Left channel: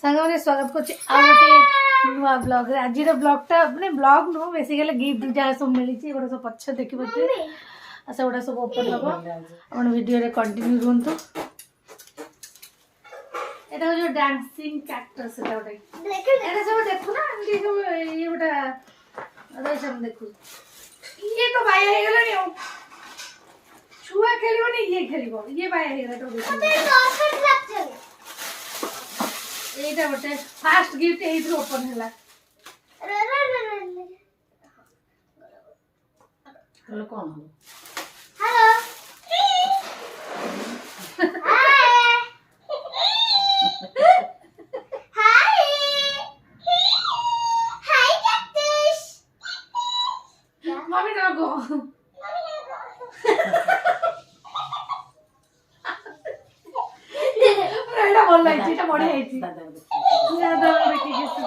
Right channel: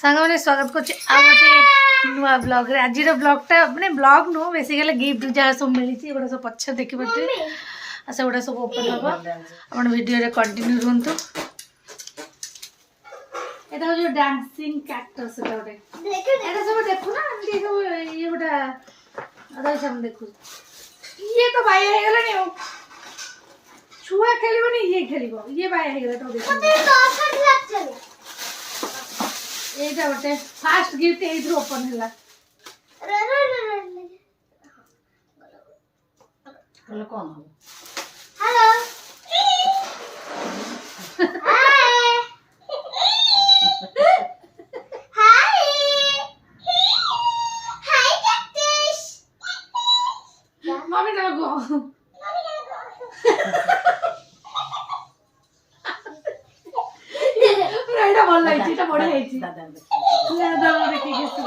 ସାଙ୍ଗମାନେ ସ୍ୱାଗତ କରୁଛି ଆଉ ଗୋଟେ ନୂଆ ବ୍ଲଗ୍ରେ। ଆଜିର ବ୍ଲଗ୍ଟା ମାନେ ବ୍ଲଗ୍ ନୁହଁ, ବେସିକାଲି ଗିଫ୍ଟ ଯାହା ସବୁ ମିଳିଛି ଏଗୁଡ଼ା ସବୁ ପଛରେ ଦେଖିପାରୁଥିବେ, ଆଉ ସେଗୁଡ଼ା ସବୁ ଓପନ୍ ହେବ। ଆପଣ ଭିଡ଼ିଓରେ କଣ୍ଟିନ୍ୟୁ ରୁହନ୍ତୁ। ଏଇଟା ହେଉଛି ଡ୍ୟାନ୍ସିଂ କ୍ୟାକ୍ଟସ୍, ଏଇଟା ଗୋଟେ ଏଇଟା ସବୁ ଦେଖୁନା ଏମିତି ସବୁ ଇଏ ଗୋଟେ ରହିଛି ଦେଖୁଛି। ଇଏ ତ ବାୟା ହେଇଗଲାଣି ଆଉ, ଛୁଆ ଖେଳିବନି ଇଏ ଖେଳିବ, ଇଏ ବାୟା ହେଇଗଲା ତ। এইটা ଗୋଟେ ফার্স্ট গিফট এইথ্রু ওপেন ହେଲା। হলো কম হবে। হ্যালো হাই হাই ক্যাকটাস মামি না গো এটা ভাল লাগছে, এটা বড় হয়েছে দাদা দেখি গেছে।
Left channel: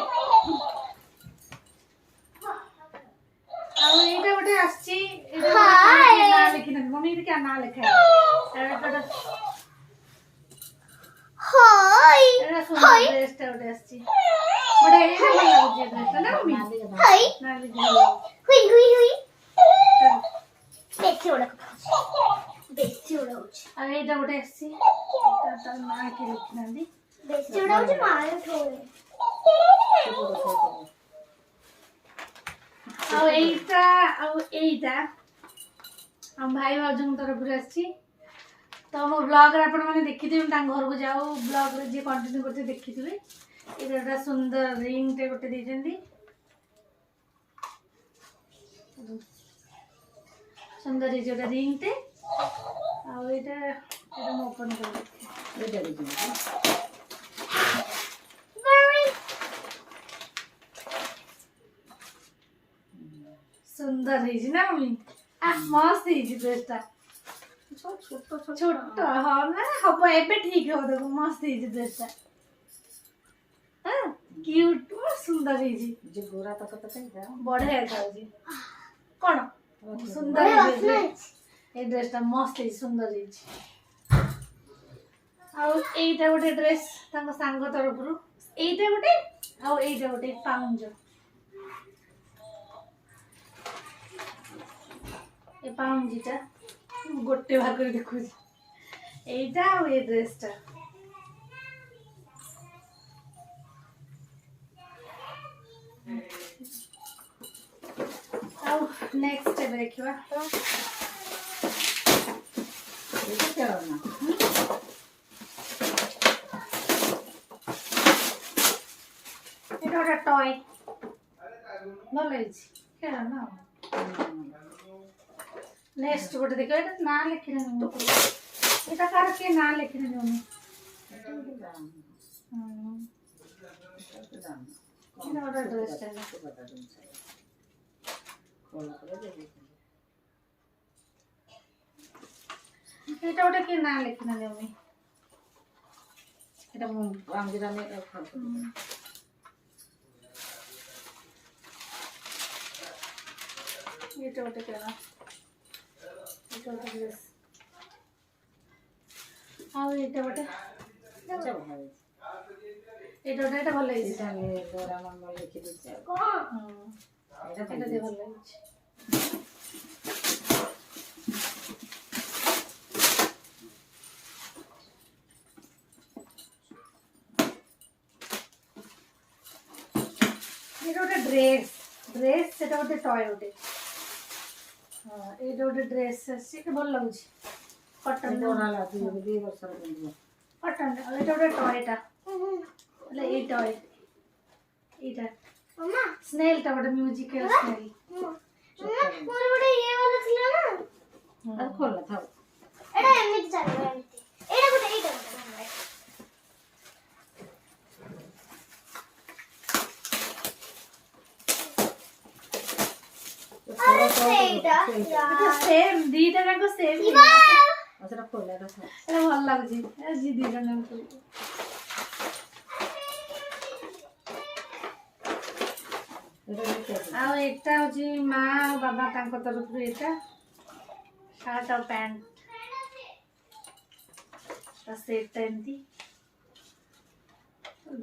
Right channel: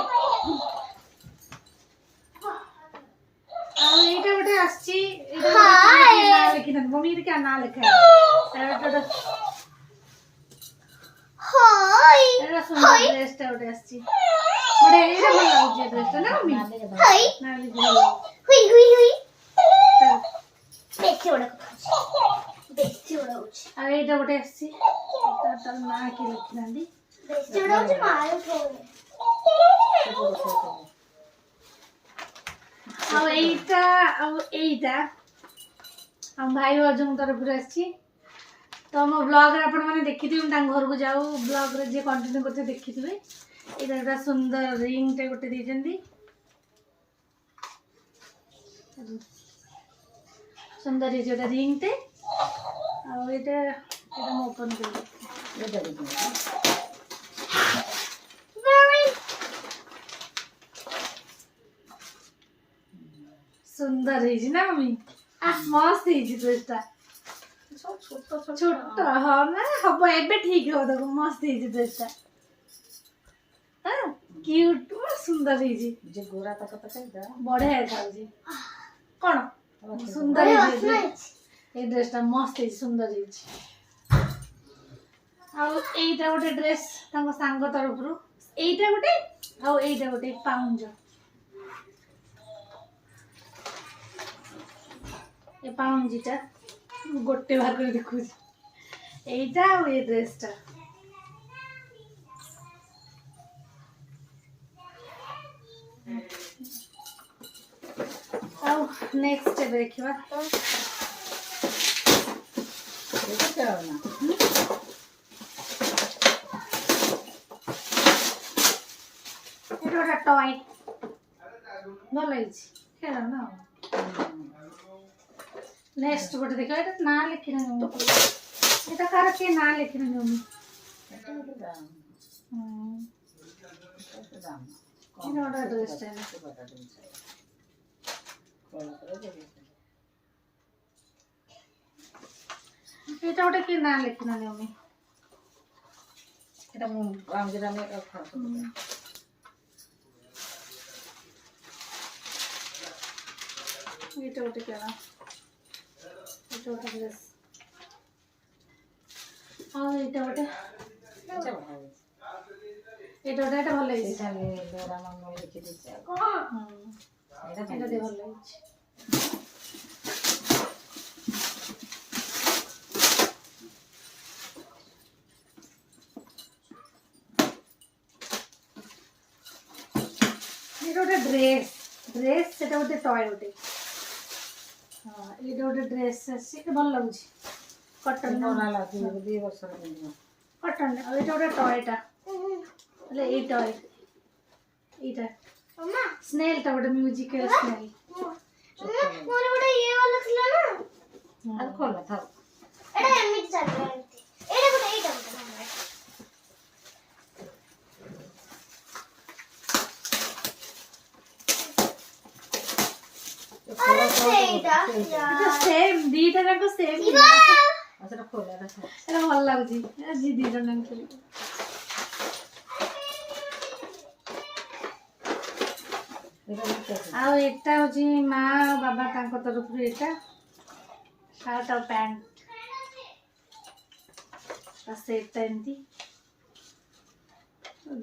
ଆଉ ଏଇଟା ଗୋଟେ ଆସିଛି, ଏଇଟା ନାଁ ଲେଖିନାହାନ୍ତି ମମି, ଏଇଟା କିଆ ନାଁ ଲେଖା ଏଇଟା ସୁନ୍ଦର ଡ୍ରେସଟା ଗୋଟେ ଆସିଛି, ଗୋଟେ ଏଇଟା ଭଲ ଲାଗୁଛି ଏ ଡ୍ରେସଟା ନା ମମି? ନାଁ ଲେଖିନାହାନ୍ତି। হুই হুই হুই বেশি ওড়া বেশি ওড়া হচ্ছে ଆଉ ଏଇଟା ଗୋଟେ ଆସିଛି, ତାର ନାଁ କିଏ ଲେଖିନାହାନ୍ତି। ବେଶି ଓଡା ହଉଛି ମାଲ ଥୋଳେ ଆଉ ଏଇଟା ଆମ ଭାଇ ଭାଉଜଙ୍କ ତରଫରୁ ଆସିଛି। ତ ମୋ ବ୍ଲଗ୍ରେ ଆପଣମାନେ ଦେଖିଥିବେ, ତାଙ୍କ ଘରକୁ ଯାଉ ବ୍ଲଗ୍ରେ ଯିଏ କଣ୍ଟିନ୍ୟୁ କରିଥିବେ ଦେଖିଥିବେ। ଏଇଟା ଗୋଟେ ସୁନ୍ଦର ରିଙ୍ଗଟେ ଗୋଟେ ଦେଇଛନ୍ତି, ସୁନ୍ଦର ହେଇଛି ଗୋଟେ ରିଙ୍ଗଟେ। ଆଉ ଏଇଟା ମୁଁ ଓପନ୍ କରିବି। ସୁନ୍ଦର ହେଇଛି ନା ମମି? ମସ୍ତ ହେଇଛି ଡ୍ରେସଟା, ଛୋଟ ହଁ ନା ହବ ଏବେ ଠିକ ହବ, ଦେଖ ମସ୍ତ ହେଇଛି ଡ୍ରେସଟା, କ୍ୟୁଟ ସୁନ୍ଦର ହେଇଛି, ବଢିଆ ଦେଖାଯାଉଛି। କଣ ସୁନ୍ଦର ହେଇଛି ଏଇ ଡ୍ରେସଟା, ମସ୍ତ ହେଇଛି, ସୁନ୍ଦର ହେଇଛି। ଆଉ ଏଇଟା ଗୋଟେ ଡ୍ରେସ୍ ତାଙ୍କ ସାଙ୍ଗ ତରଫରୁ, ଏଇଟା ଗୋଟେ ଆଉ ଏଇଟା ଗୋଟେ ପାଉଁଜ। ଏ ପାଉଁଜିଟା ଗୋଟେ ଭାଗରେ ଦେଖୁଛି, এইটা ଆଉ এই ଡ୍ରେସଟା। ଆଉ ନେକ୍ସଟ ଏବେ ଦେଖିବା, ଏଇଟା ଗୋଟେ ଟୟ, ଭଲ ହେଇଛି, ଖେଳ ନା। ନେକ୍ସଟ ଗୋଟେ ଦେଖିବା, ଏଇଟା ନାଁ ଲେଖିନାହାନ୍ତି, ଏଇଟା କାହାର କିଏ ନାଁ ଲେଖିନାହାନ୍ତି ମମି। ଏଇଟା ଗୋଟେ ଡ୍ରେସଟା, ଏଇଟା ଗୋଟେ କିଏ ନାଁ ଲେଖିନାହାନ୍ତି ମମି। ଏଇଟା ମୁଁ ଏଇଟା ଗୋଟେ କେଣ, ଏଇଟା ଗୋଟେ ଡ୍ରେସ୍। ଆଉ ଏଇଟା ଗୋଟେ ଏଇଟା ଭଲ ହେଇଛି, ଏଇଟା ଭଲ ହେଇଛି, ଏଇଟା ଭଲ ହେଇଛି। ଏଇଟା ଗୋଟେ ଡ୍ରେସ୍, ସେଟା ଗୋଟେ ଟୟ ଗୋଟେ। ହଁ ଏଇଟା ଗୋଟେ ଡ୍ରେସ୍ ଆସିଛି, ଭଲ ଲାଗୁଛି, କଟନ କଟନ। ଆଉ ଏଇଟା ଗୋଟେ ଟୟଟା, ହେଲେ ଏଇ ଟୟ, ଏଇଟା ସ୍ନେଲଟା ଗୋଟେ ମ୍ୟୁଜିକାଲ ସ୍ନେଲ। ମୋର ଗୋଟେ ଇଏ वाला ଥିଲା ନା, ଆଉ ଖୋଲା ଥାଉ, ଏଟା ଏମିତି ଚାଲିବ, ଏମିତି ଏଇଟା ଗୋଟେ ଏଇଟା ଗୋଟେ ସେଇଟା এটা সেম, দিটা যাক সেম। আচ্ছা খোলা, এটা ভালো লাগুଛି, জি ଦି ଜଣ ଖେଳି। ଆଉ ଏଟା ହଉଛି ମା ଆଉ ବାବା ତାଙ୍କ ତରଫରୁ, ଏଟା ସାର୍ଟ ଆଉ ପ୍ୟାଣ୍ଟ, ସେଟା ଏମିତି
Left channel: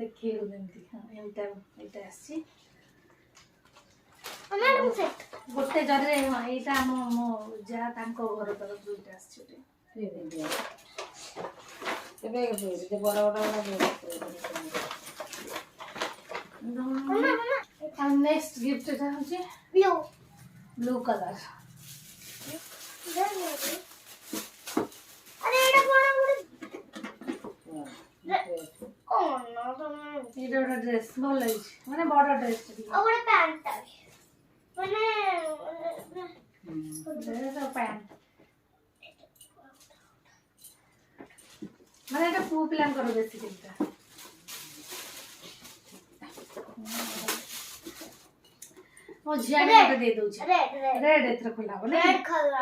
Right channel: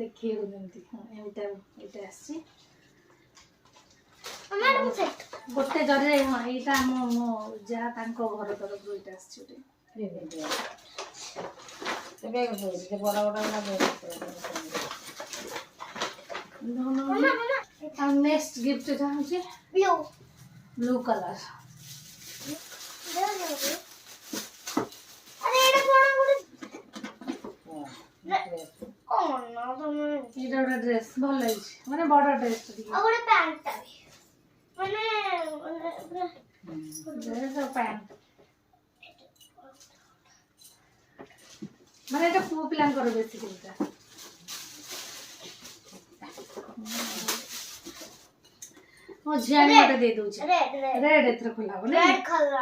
ଦେଖିବାକୁ ଯେମିତି ଏଇଟା ଆସିଛି ଗୋଟେ ଜରିରେ। ହଁ ଏଇଟା ମୋ ଯାହା ତାଙ୍କ ଘର ତରଫରୁ ଏଇଟା ଆସିଛି ଗୋଟେ। ନେକ୍ସଟ ଗିଫ୍ଟ ଏଟା ହଉଛି ବ୍ଲୁ କଲର। ଏଇଟା ଗୋଟେ ଡ୍ରେସ୍ ଭଲ ହେଇଛି, ମାନେ ବଡ ଡ୍ରେସ୍ ଟିକେ। ଆଉ ଗୋଟେ ପ୍ୟାଣ୍ଟଟା ଡ୍ରେସ୍ ଆଉ ପ୍ୟାଣ୍ଟ, ମାନେ ଏଇଟା ପୁଅ ପିଲାଙ୍କର ବେଶୀ ଚିନ୍ତା। ମୋ ଝିଆଣି ଗୋଟେ ଦେଇ ଦଉଛି ରେଡ୍, ଏଥିରେ ଖୋଲା ହବ ନାଇଁ? ରେଡ୍ କଲର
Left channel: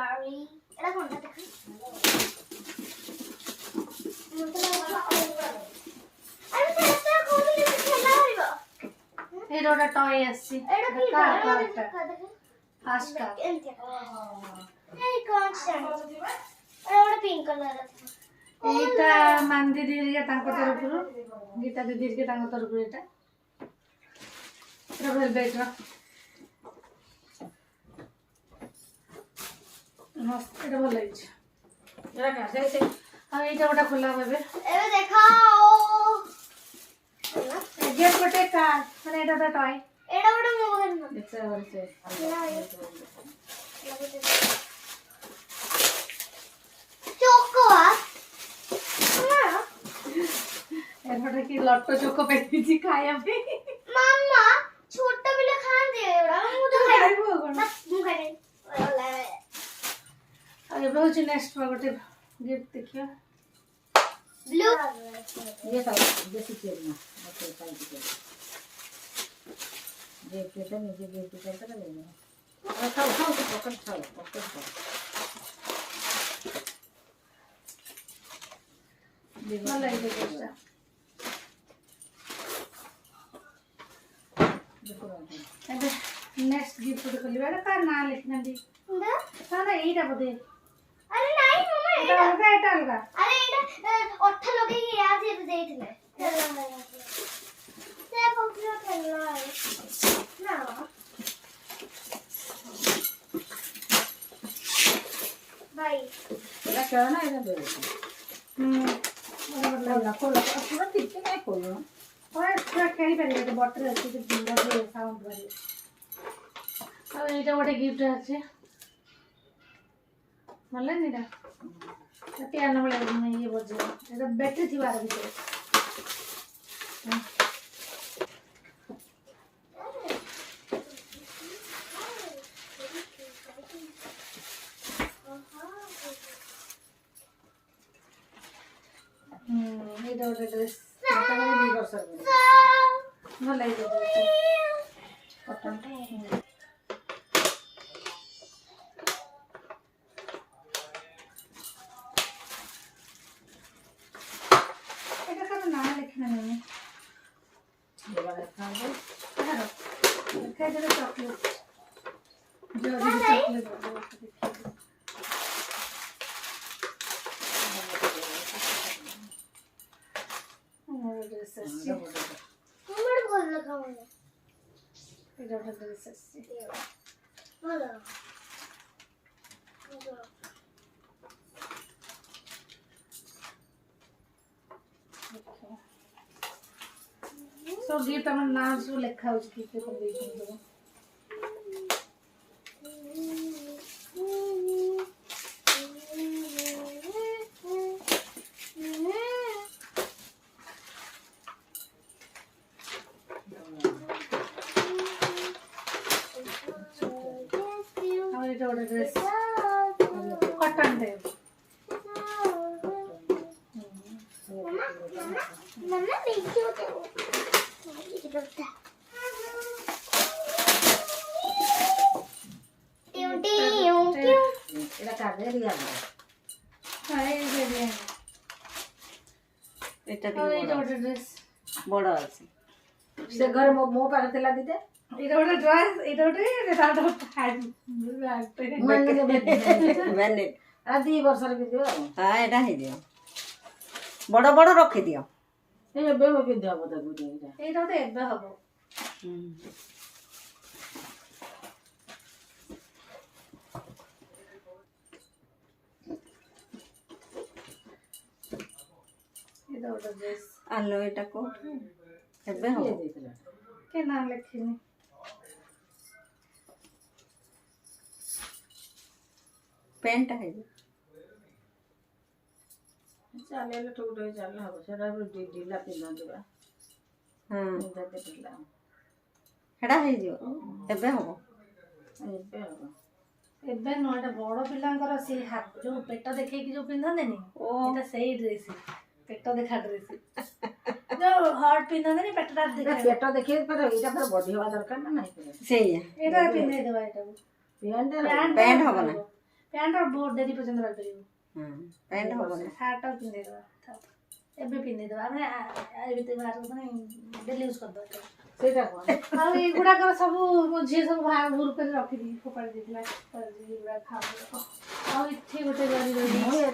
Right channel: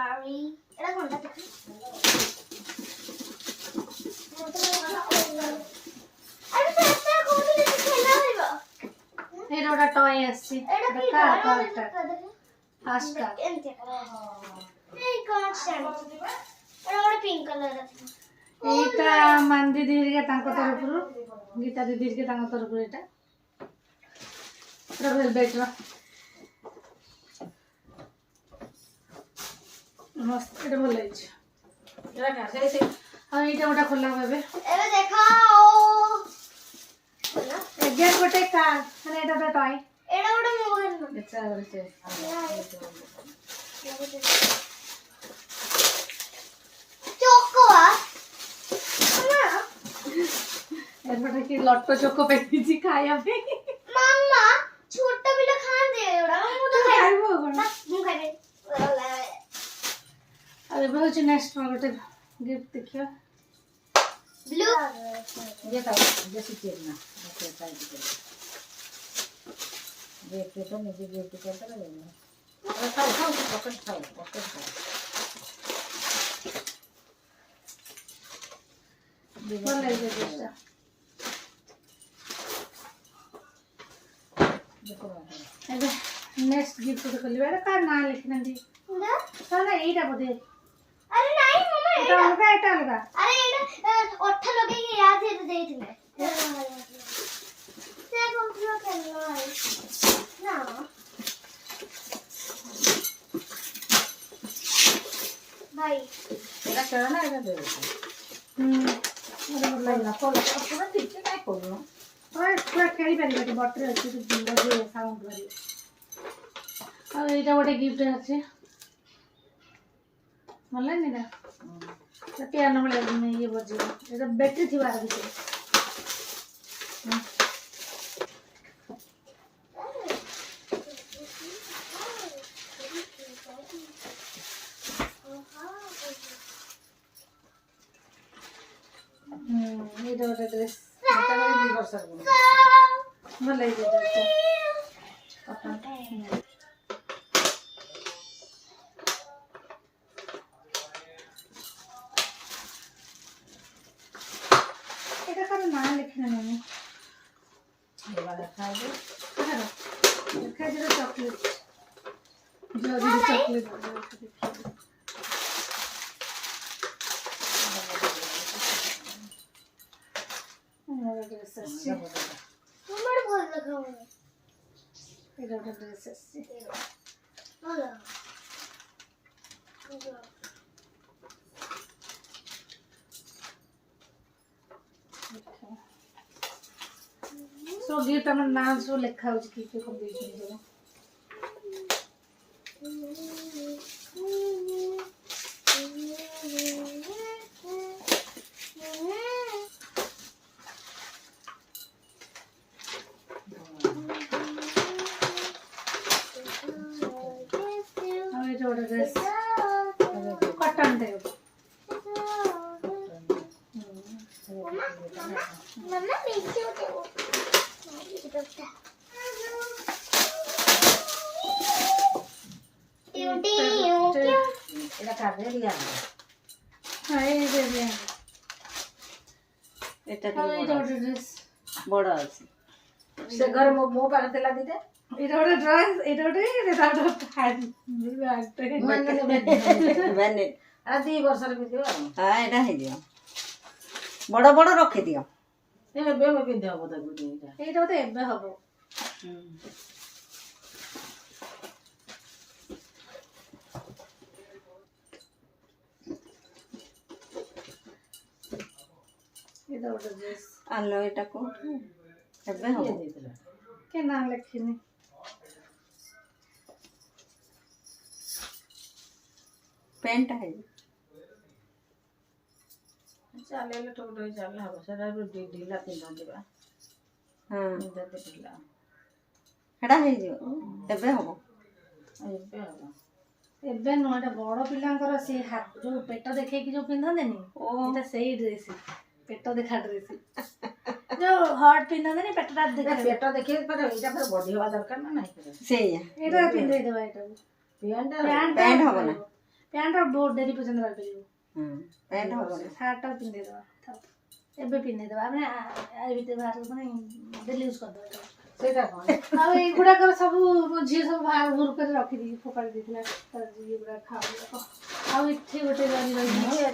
ଏଟା କୋନଟା ଦେଖ। ଏଇଟା ଗୋଟେ ଟୟ ଆସିଛି। ଫାଷ୍ଟ ଏଇଟା ମାନ ଦିଦି ହେରିକା ତାଙ୍କ ତରଫରୁ, ଗୀତା ଦିଦି ହେରିକା ତାଙ୍କ ତରଫରୁ ଏଇଟା ପୁରା ଭେଲଭେଟ୍ର ମସ୍ତ, ଏଇଟା ଭଲ ହେଇଛି। ଆଉ ଏଇଟା ଗୋଟେ ଖୋଲା ହବ ଏବେ। ଏଗେନ୍ ଗୋଟେ କାର୍, ମାନେ ଏଇଟା ଗୋଟେ ଟୟ। ଏଇଟା ଗୋଟେ ମୋବାଇଲ ଏପଟେ କି ଲଟୋ ଚୋକ ପେଟିଛି ଖାଇବା ପାଇଁ। ମାମା ଛୋଟ ପିଲା ଖାଆନ୍ତି ଏଗୁଡା, ମୁଁ ତ ଖାଇବୁ ଆଉ କଣ। ମୁଁ ଖାଇବି। ଆଉ ଏବେ ହଉଛି ନେକ୍ସଟ ଗୋଟେ ଗିଫ୍ଟ ଦେଖିବା। ବ୍ଲୁ ଭଲ ଲାଗିବ ଡ୍ରେସଟା। ଏବେ ନେକ୍ସଟ ଗିଫ୍ଟ ଗୋଟେ ଖୋଲିବା। ଏଇଟା କାହାର ନାଁ ଲେଖିନାହାନ୍ତି? ନା ଏଇଟା ବୋଧେ। ଆରେ ନାଇଁ ମାମା, ଏଇଟା ଅଲଗା, ଏଇଟା ଅଲଗା। ଆରେ ଏଇଟା ଅଠା ଲଗେଇକି ୟା ଦେହରେ ଦେଇଥିଲେ। ସେ କହୁଥିଲା ଖେଳନା ନା ଭାଇ ଏଟା ଖେଳନା, ଏଟା ଦେ। ପୁରା ଠିକ ସେ କାଇଁ କହୁନ? ଛୁଆ ଖେଳିପାରିବେ, ବଟରେ ଅଛି ସାଉଣ୍ଡ କରିବେ। ଆଉ ଏଇଟା ଗୋଟେ ଗିଫ୍ଟ ଅଛି, ଭଲ ଲାଗେନି ଏଇଟା? ପିଆନୋ ଭଳିଆ ଇଏ ବଜେଇବ, ଏଇଟା ବ୍ୟାଟେରୀ ଥିବ ଆର ଭିତରେ। ଏଇଟା ଗୋଟେ ଡ୍ରେସ୍, ଭଲ ଲାଗିବ ଡ୍ରେସ୍ଟା। କଟନଟା ଏଇଟା କାହାର ନାଁ ଲେଖିନା ନାଇଁ? ଲେଖାଯିବ ଚକଲେଟ୍, ଜରି ଚକଲେଟ୍। ଡ୍ରେସ୍ ଆସିଛି, ଭଲ ଦେଖାଉନି। ଏଇଟା ଗୋଟେ ଡ୍ରେସ୍ ଆସିଛି। ଭଲ ସବୁ ଗିଫ୍ଟ ଆମର ନାଁ ସବୁ ଲେଖା ହଉଛି, କିଏ କିଏ ସବୁ ଦେଇଛନ୍ତି ସବୁ। ଆଉ ଏଇଟା ଗୋଟେ ଡ୍ରେସ୍ କଟନ ଟାଇପ୍। ମାମା ଭିଡ଼ିଓ ଦେବ। ଏଟା କାଢେ ରିଆ। ଏଇଟା ଗୋଟେ ଡ୍ରେସ୍ ବଡ ଅଛି। ସେ ଘରେ ମୋ ପାଖରେ ଥିଲା ଦିଟା। ଏଇଟା ଗୋଟେ ଡ୍ରେସ୍, ଏଇଟା ଗୋଟେ ଦି ବର୍ଷର ବି ଦିଅ। ଏଇଟା ହେଇଯିବ, ବଡ ବଡ ରଖିଦିଅ। ଏବେ ପିନ୍ଧି ହବ ତାକୁ ଏଇଟା। ଏଇଟା ବୋଧେ ଏବେ ହବ। ଏଇଟା ଗୋଟେ ଡ୍ରେସ୍ ଆଲୋ ଏଇଟା କୋଉଠି ଏବେ ହବ ଦେଇଥିଲା କେ ନାଁ ଲେଖିନି। ପ୍ୟାଣ୍ଟଟା ହେଇଛି ଚାଲିଲେ ଟୁକ ଟୁକ ଚାଲିଲେ ହବ। ସେଟା ବି ଢିଲା ପିନ୍ଧନ୍ତି ବା। ହଁ ପିନ୍ଧନ୍ତି ଢିଲା। ହେଟା ହେଇଯିବ ଏବେ ହବ। ଏବେ ହବ। ଏବେ ନୁହଁ, ଏଟା ବଡ ପିଲାଙ୍କର ସେ ଯୋଉ ପେଟ ଦେଖେଇକି ଯୋଉ ପିନ୍ଧନ୍ତିନି, ଏଟା ସେଇ ଡ୍ରେସ୍, ପେଟ ଦେଖା ଡ୍ରେସ୍। ଯୋଉ ହଟ୍ ପିନ୍ଧନ୍ତିନି ପେଟଟା ଦେଖା। ପେଟ ଦେଖେଇ ପାରେ, ଏଇଟା ପୁରା ବଢି ହବା ଦରକାର ନା ନାହିଁ। ସେଇଆ ଏଇଟା ପିନ୍ଧେଇଦବା। ଏଟାକୁ ପ୍ୟାଣ୍ଟ ହବ ନା? ପ୍ୟାଣ୍ଟ ବହୁତ ଡେରି ପର୍ଯ୍ୟନ୍ତ ରହିପାରିବ। ପ୍ୟାଣ୍ଟ ହବ ନା? ସାର୍ଟଟା ପିନ୍ଧେଇଦବା। ଏବେ ପିନ୍ଧେଇଦବା, ଆମେ ଆ ଭିତରେ ବାହାରକୁ ମାନେ ଡେଲି ୟୁଜ୍ କରିଦବା ଏଟାକୁ। ସେଇଟା କଣ ଆଉ ଏଇଗୁଡାକର ସବୁ ମୋ ଝିଅ ସବୁ ବାହାର ଭୁଲ କରି ରଖିଦେଇକି ଫୋପାଡ଼ି ଦେଇଥିଲା। ଏଗୁଡା ଖାଉ। ଆଉ ଏଠି ଗୋଟେ ରହିଯାଇଛି।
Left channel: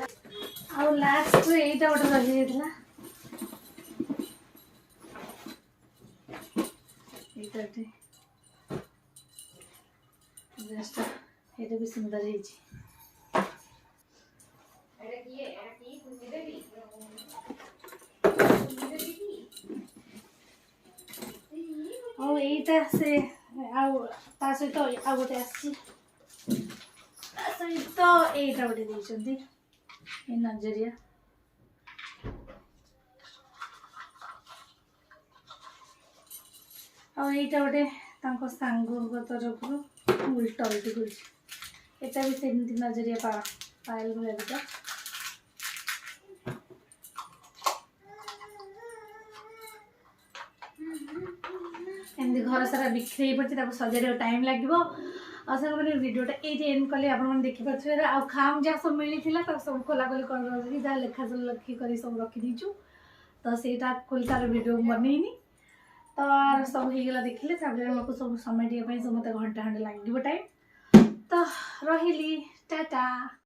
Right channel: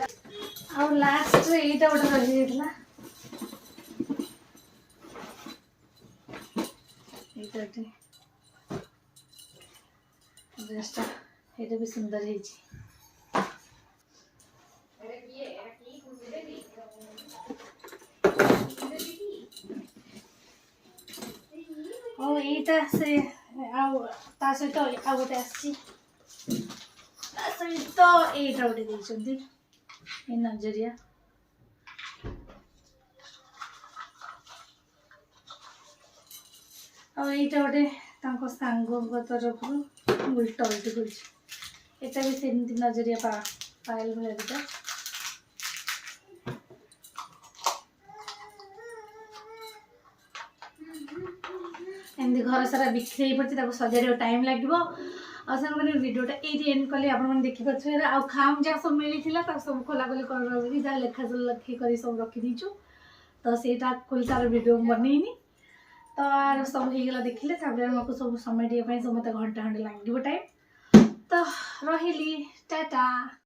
ଆଉ ଲାଷ୍ଟରେ ଏଇଟା ଗୋଟେ ରହିଯାଇଥିଲା। ଏଇଟା ଏଠି ଡ୍ରେସ୍ଟା, ଏଇଟା ବି ସୁନ୍ଦର ହେଇଛି। ଆଉ ଏଇଟା ସେ ଆଉ ତା ସହିତ ଆଉ ଗୋଟେ ଆସିଛି। ତା ସହିତ ଏଇଟା ଗୋଟେ ଦେଇଛନ୍ତି, ଏ ନଜରିଆ। ଆଉ ଏଇଟା ଗୋଟେ ତାଙ୍କ ସାଙ୍ଗଙ୍କ ତରଫରୁ ଉଲ୍ଟା ଉଲ୍ଟି କରିଛି। ଏଟା ବି ସେମିତି ନଜରିଆ ପାଏଲ ଭଳିଆ ଦିଟା। ଏମିତି ଘର ସାରା ବିକ୍ରି ହେଇ ପଡ଼ିଛି, ତାକୁ ସଜାଡ଼ିବାକୁ ଟାଇମ୍ ଲାଗିବ। ଆଉ ସେମାନେ ଭିଡ଼ିଓଟା ଏଇଠି ଏଣ୍ଡ କଲେ, ଆପଣମାନେ ଦେଖିପାରୁଥିବେ। ଆଉ ଖାମ୍ ଯାହା ସବୁ ମିଳିଥିଲା ତାକୁ ସବୁ ଖୋଲାଖୋଲି କରି ଯାହା ଲେଖି କରି ସବୁ ରଖିଦେଇଛୁ। ତ ସେଇଟା ଖୋଲି ତାର ଭିଡ଼ିଓ ମୁଁ ବନେଇନି। ତ ସବୁ ହେଇଗଲା ଦେଖିଲେ, ତାପରେ ଆମକୁ ସବୁ ସମାଟିବା ପାଇଁ ସମସ୍ତେ ଘଣ୍ଟା ଖଣ୍ଡେ ଲାଗିବ ଟାଇମ୍। ତ ରହିଲି, ଟାଟା।